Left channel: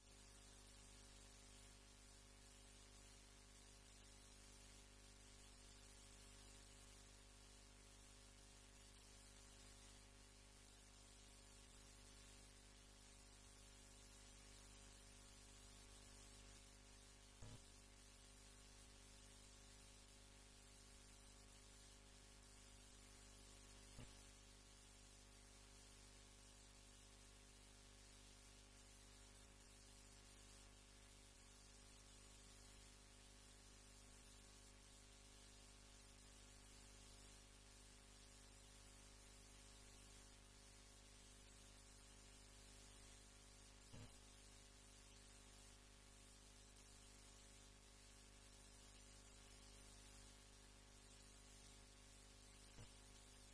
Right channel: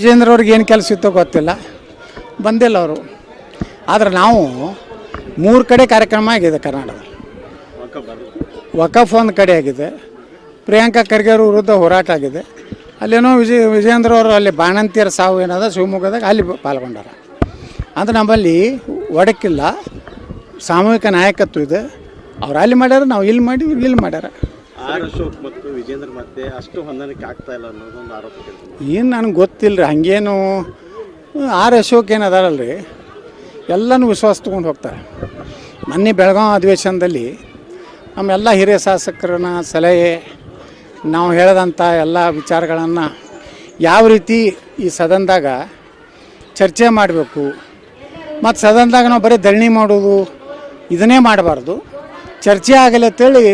ವಿಜೇಂದ್ರ ಅವ್ರಿಗೆ ಏನು ಕೆಲಸ ಇತ್ತೋ ಗೊತ್ತಿಲ್ಲ, ಬಂದಿಲ್ಲ ಅವರು. ಆದರೆ ನಾವು 3 ಕಡೆ ಕಾರ್ಯಕ್ರಮ ಆಗಿದೆ ಕರ್ನಾಟಕದಲ್ಲಿ. ವಕಫ್ ಒಂದು ಕಡೆ ಆಗಿದೆ, ಪ್ರಿಯಾಂಕಾ ಖರ್ಗೆ ಅವ್ರ ವಿರುದ್ಧ ಹೋರಾಟ ಆಗಿದೆ. ಅಲ್ಲೇನೋ ವಿಜೇಂದ್ರ ಅವರು ಅಲ್ಲಿ ಬಾಣಂತಿಯರ ಸಾವು ಏನದ ಶಿವಮೊಗ್ಗದಾಗ ಅಲ್ಲಿ ಪಾಲ್ಗೊಂಡಾರ. ಅಂದ್ರೆ ನಮ್ಮಲ್ಲಿ ಒಡಕಿಲ್ಲ, ಸಾಮೂಹಿಕ ನಾಯಕತ್ವ ಇದೆ. ಅವ್ರು ಅಲ್ಲಿ ಮಾಡ್ಯಾರ, ನಾವು ಇಲ್ಲಿ ಮಾಡಿ ಇಲ್ಲಿ ಮಾಡ್ಯಾರ. ಅಶೋಕ್ ಮತ್ತು ವಿಜೇಂದ್ರ ಮತ್ತೆ ಅಷ್ಟು ಹೊಂದಾಣಿಕೆ ಆಗ್ತಾ ಇಲ್ಲ ಅನ್ನೋದೊಂದು ಆರೋಪ. ಏನು ನನಗೆ ಗೊತ್ತಿಲ್ಲ ರೀ, ಹಾಗೇನು ಅಶೋಕ್ ಏನು ಅದಾರಲ್ರಿ, ಎಲ್ಲನೂ ವಿಶ್ವಾಸ ತೊಗೊಂಡು ಹೋಗ್ತಾರೆ. ಮೊನ್ನೆ ಬೆಳಗಾವಿ ಅಧಿವೇಶನದಲ್ಲಿ ನಮ್ಮೆಲ್ಲ ಹಿರಿಯ ಶಾಸಕರನ್ನ ಸಲಹೆ, ನಾವು ಹೇಳಿದಂಥ ಎಲ್ಲ ವಿಚಾರಗಳನ್ನು ಯಾವ ರೀತಿ ಈ ಸದನದಾಗ ಚರ್ಚೆ ಮಾಡಬೇಕು, ಮತ್ತು ಸದನದಾಗ ನಾವು ಬರೀ ಧರಣಿ ಮಾಡೋದು ಇದನ್ನೇ ಮಾಡಬಾರ್ದು, ಚರ್ಚೆ ಆಗಲಿ ಅಂತೇಳಿ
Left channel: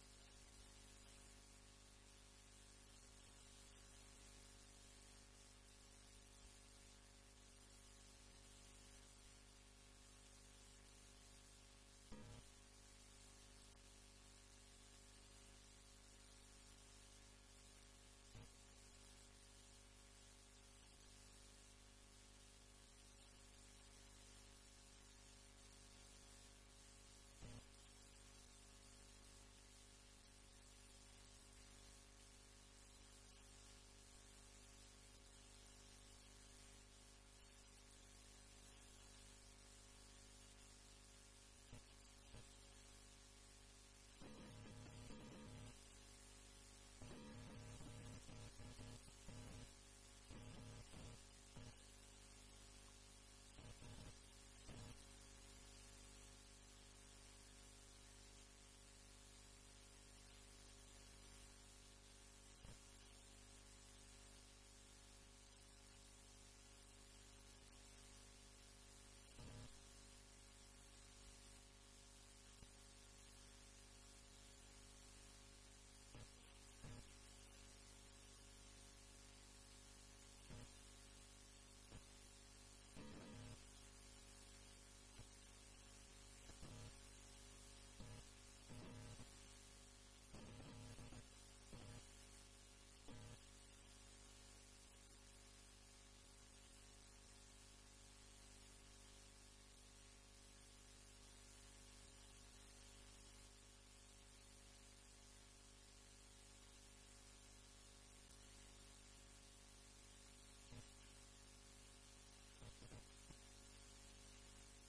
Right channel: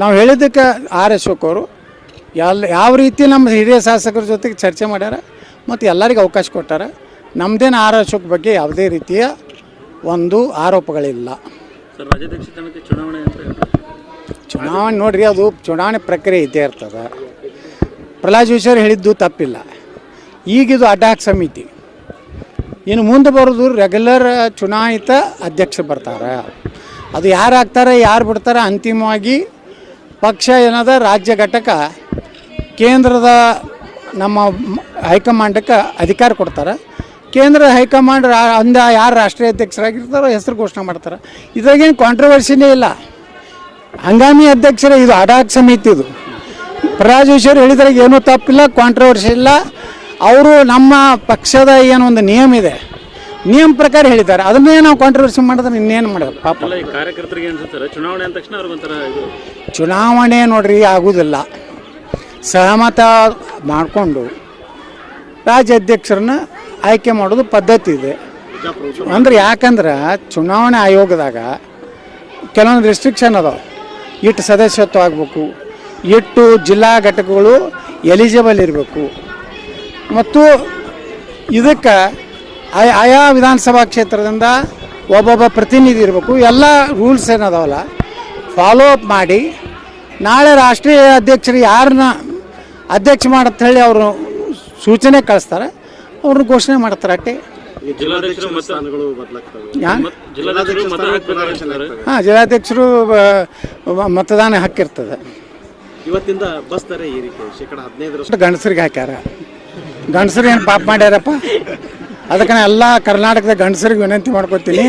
ನಾವು ಹೇಳಿದ್ದಕ್ಕೆ ಅಶೋಕ್ ಅವರು ಯಾವ ರೀತಿ ನಮ್ಮ ಹಿರಿಯ ಶಾಸಕರ ಜೊತೆಗೆ ಚರ್ಚೆ ಮಾಡ್ಯಾರ ಮತ್ತು ಎಲ್ಲರಿಗೂ ಅವಕಾಶ ಕೊಟ್ಟಾರ. ನಮ್ಮದೇನು ಅಶೋಕ್ ಬಗ್ಗೆ ಯಾವುದೇ ರೀತಿಯ ಒಂದು ಆರೋಪಗಳಿಲ್ಲ. ಚುನಾವಣೆ ನೋಡ್ರಿ, ಅದು ಚುನಾವಣೆ ಪ್ರಕ್ರಿಯೆ ಇದ್ದೇ ಇರ್ತದೆ. ಪ್ರಹ್ಲಾದ್ ಜೋಶಿ ಅವರು ಹೇಳಿದ್ದು ತಪ್ಪಿಲ್ಲ. ಈಗಿದು ಅಡ್ಡಾಕ್ ಸಮಿತಿ, ಇನ್ನು ಮುಂದೆ ಬರೋದು ರೆಗ್ಯುಲರ್ ಚುನಾಯಿತ ಅಧ್ಯಕ್ಷರು ಬರ್ತಾರೆ. ಅದು ಯಾರು ಆಗ್ತಾರೆ ಯಾರು ಬಿಡ್ತಾರೆ ಅಂತಿಮವಾಗಿ ಪಕ್ಷ ಏನದ ರಾಜ್ಯ ಘಟಕ ಕೇಂದ್ರದ ನಮ್ಮ ಹೈಕಮಾಂಡಕ್ಕೆ ಅಧಿಕಾರ ಕೊಡ್ತಾರೆ. ಕೇಂದ್ರ ಹೈಕಮಾಂಡ್ ಯಾರು ರಾಷ್ಟ್ರೀಯ ಅಧ್ಯಕ್ಷರಾಗಿರ್ತಾರೋ ಹೆಸರು ಘೋಷಣೆ ಮಾಡ್ತಾರೆ. ಇದ್ರಾಗೇನು ಕಾಂಟ್ರವರ್ಸಿನೇ ಇಲ್ಲ. ಹಂಗಾಮಿ ಅಧ್ಯಕ್ಷರೇ ಇದು ಅಡಾಕ್ ಸಮಿತಿ. ಇದು ಪ್ರಹ್ಲಾದ್ ಜೋಶಿ ಅವರು ಹೇಳಿದ್ರಾಗ ಏನೂ ತಪ್ಪಿಲ್ಲ, ಕಾಂಟ್ರವರ್ಸಿ ಇಲ್ಲ. ಅವರು ನಮ್ಮ ಪಕ್ಷದ ಏನೋ ಒಂದು ನಿಯಮ ಇದೆ, ನಿಯಮ ಪ್ರಕಾರ ಹೇಳಿದ್ದಾರೆ. ಅದನ್ನೇ ನಾವು ಕಾಂಟ್ರವರ್ಸಿ ಮಾಡಿದ್ರೆ ಇನ್ನೇನು ಮಾಡೋದು ಪಾಪ. ಕಾರ್ಯಕರ್ತರಿಗೆ ಅನ್ಸುತ್ತಾರೆ ಚುನಾವಣೆ ಅಂದ ತಕ್ಷಣ ಅವ್ರಿಗೊಂಥರ ಇದು ಚುನಾವಣೆ ನೋಡ್ರಿ ಆಗೋದಿಲ್ಲ. ಸಹಮತ ಮಾಡಿಕೊಂಡು ರಾಜ್ಯ ಅಧ್ಯಕ್ಷರನ್ನ ಆಯ್ಕೆ ಮಾಡೋದು ಪದ್ಧತಿ ಇದೆ. ಅಂದ್ರೆ ಯಾಕಂದ್ರೆ ಚುನಾವಣೆ ಆಯೋಗದಾಗ ಕೆಲವೊಂದು ರೆಸ್ಟ್ರಿಕ್ಷನ್ ಅದಾವೆ. ಇಟ್ಟು ಸದಸ್ಯತ್ವ ಆಗಬೇಕು, ಇಟ್ಟು ಜಿಲ್ಲಾ ಘಟಕಗಳು ಎಲಿಜಿಬಲ್ ಇರಬೇಕು, ಮತ್ತು ಇದಕ್ಕೆ ಆಯಾ ವಿಧಾನಸಭಾ ಕ್ಷೇತ್ರದಿಂದ ಒಬ್ಬೊಬ್ಬ ಪ್ರತಿನಿಧಿ ಇರಬೇಕು. ಎಲ್ಲ ರೂಲ್ಸ್ ಏನದಾವಲ್ಲ ಫಾಲೋ ಅಪ್ ಮಾಡಿ ನಾಳೆ ರಾಷ್ಟ್ರೀಯ ಅಧ್ಯಕ್ಷರು ಯಾರನ್ನ ಅಧ್ಯಕ್ಷ ಮಾಡಂತ ಹೇಳಿ ಅವರು ಸೂಚನೆ ಕಳಿಸ್ತಾರೆ, ಅವ್ರನ್ನ ಘೋಷಣೆ ಮಾಡ್ತಾರೆ. ಅಟ್ಟೆ ಹಾಂ, ಜಿಲ್ಲಾಧ್ಯಕ್ಷರು ಮತದಾನ ಹಕ್ಕಿರ್ತದೆ. ಇವತ್ತಿಂದ ಬಸ್ ದರ ಏರಿಕೆ ಶೇಕಡ 15% ಗಂಡಸರಿಗೆ ಹಾಕ್ಯಾರ. ಗಂಡಸರು ಏನು ಪಾಪ ಮಾಡ್ಯಾರಪ್ಪ. ಅದಕ್ಕೆ ನಾನು ಎಲ್ಲ ಕರ್ನಾಟಕದ ಗಂಡಸರಿಗೆ ವಿನಂತಿ ಮಾಡ್ಕೊತೀನಿ,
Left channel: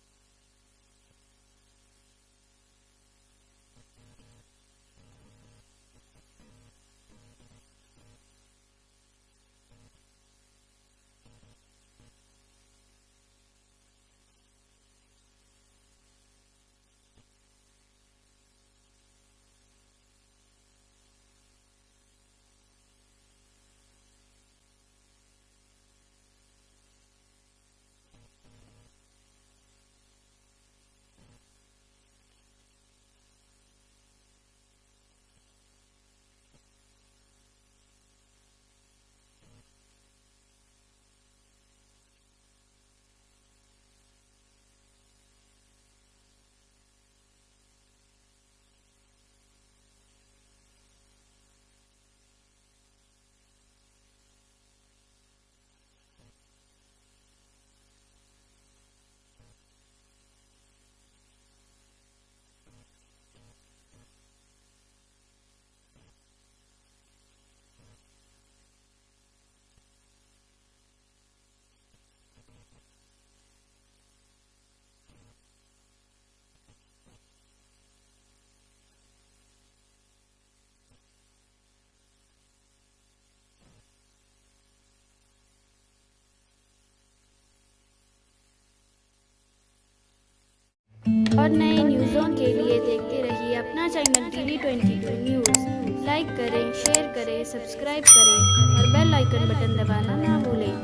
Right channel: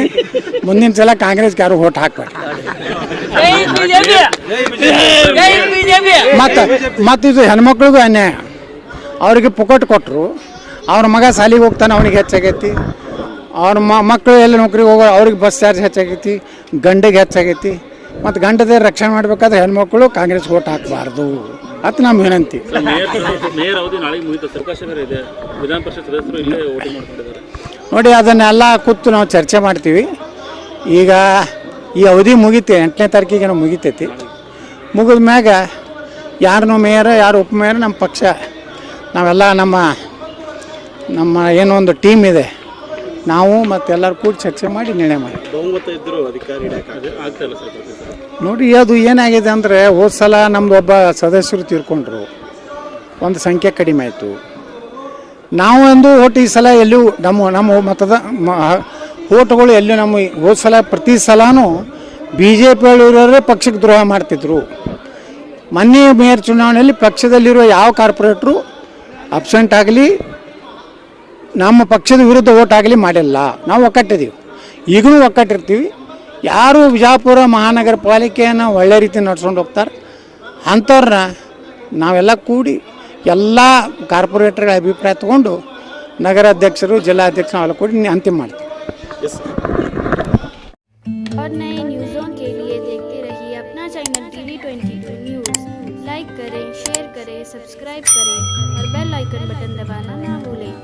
ಮುಂದಿನ ಸಲ ಕಾಂಗ್ರೆಸ್ಗೆ ಯಾರು ಓಟ್ ಹಾಕ್ಬೇಡಿ. ಮತ್ತು ಇದು ಹೆಣ್ಮಕ್ಳಿಗೂ ಅನ್ಯಾಯ. ಅವ್ರಿಗೆ ಪುಕಟ್ ಕೊಟ್ಟರು, ಅವ್ರ ಮಗ ಸಾಲಿಗೆ ಹೋಗ್ತಾನೆ, ಅವನಿಗೆ ಹೆಚ್ಚಾಗೈತಿ. ಅವ್ರ ಮಕ್ಕಳು ಎಲ್ಲ ನೌಕರಿಗೆ ಹೋಗೋ ಅವ್ರಿಗೆ ಬಸ್ ಚಾರ್ಜ್ ಹೆಚ್ಚಾಗೈತಿ, ಗಂಡಿಗೆ ಹೆಚ್ಚಾಗೈತಿ. ಮತ್ತು ಗಂಡದೇ ರಕ್ಷಣೆ ಮಾಡಬೇಕಾದ್ರೆ ಹೆಣ್ಮಕ್ಳು ಕಾಂಗ್ರೆಸ್ಗೆ ಓಟ್ ಹಾಕಬಾರ್ದು ಅಂತ ನಮ್ಮ ವಿನಂತಿ. ನೋಡಿ, ಅದನ್ನೆಲ್ಲ ಕೂತು ನಾವು ಚರ್ಚೆ ಮಾಡ್ತೀವಿ. ಈಗ ಈ ಅವಧಿ ಮುಗಿತೆ, 8ನೇ ತಾರೀಕಿಗೆ ನಾವು ಮುಗಿತೈತಿ. ಮುಗಿದ ಮ್ಯಾಗ ಯಾರನ್ನೂ ಮೇಯರ್ ಯಾರು ಉಪಮೇಯರ್ ನಮ್ಮ ಪಕ್ಷ ನಾವೆಲ್ಲ ನಮ್ಮ ಏನೋ ಒಂದು ಟೀಮ್ ಇದೆ, ನಾವು ಮತ್ತೆಲ್ಲರೂ ಕೂಡ ಚರ್ಚೆ ಮಾಡಿ ನಿರ್ಣಯ ಮಾಡಿ. ಬಹುಮತ ಇದ್ದರೂ ಅಧಿಕಾರಿ ನೋಡಿ, ಅದು ಏನಾಗಿದೆ ಅಂದರೆ ಹೋದ ಸಲ ನಮ್ಮದು ಒಬ್ಬ ಸದಸ್ಯರು ತೀರ್ಕೊಂಡ್ರು, ಒಂದು ಸಂಖ್ಯೆ ಕಡಿಮೆ ಆಯಿತು. ನಾವು ಒಂದು ಓಟ್ ಈ ಸಲ ಎಲ್ಲೂ ನಮ್ಮ ಮತದ ಓಟ್ಗಳು ಎಲ್ಲೂ ನಮ್ಮ ಹೋದ ಸಲ ಪ್ರತಿ ಸಲನೂ BJP ಇರೋರೇ ಪಕ್ಷಕ್ಕೆ ದ್ರೋಹ ಮಾಡ್ತಿದ್ರು. ಮೊನ್ನೆ ಮೇಯರ್ ಚುನಾವಣೆಯಲ್ಲಿ ಪಕ್ಷದಲ್ಲಿರುವ ಯಾವ ಕಾರ್ಪೊರೇಟ್ರು ಅಬ್ಸೆಂಟ್ ಆಗಲಿ ನಮ್ಮ ಪಕ್ಷದ ವಿರುದ್ಧ ಓಟ್ ಆಗಲಿ ಮಾಡಿಲ್ಲ. ನಾವು ಒಕ್ಕಟ್ಟಿದ್ದೀವಿ, ಈಗಲೂ ಒಕ್ಕಟ್ಟಿರ್ತೀವಿ. ಯಾರು ವಿಜಯಪುರ ಮಹಾನಗರ ಪಾಲಿಕೆಯನ್ನು ಒಳ್ಳೆ ರೀತಿ ನಡ್ಸ್ಕೊಂಡು ಹೋಗ್ತಾರೆ ಅಂಥವ್ರನ್ನ ನಾವೆಲ್ಲ ಕೂಡಿ ಎಲ್ಲ ಕಾರ್ಪೊರೇಟರ್ಗಳ ಅಭಿಪ್ರಾಯ ತಗೊಂಡು ನಗರ ಅಧ್ಯಕ್ಷರು ಜಿಲ್ಲಾಧ್ಯಕ್ಷರು ನಾವೆಲ್ಲ ಕೂಡಿ ಅಂತಿಮ ಮಾಡ್ತೀವಿ. और नए न्यूज़ों के लिए देखते रहिए अपना चैनल TV22 न्यूज़। लाइक करें, शेयर करें, सब्सक्राइब करें और बेल आइकन बटन दबाना ना भूलें।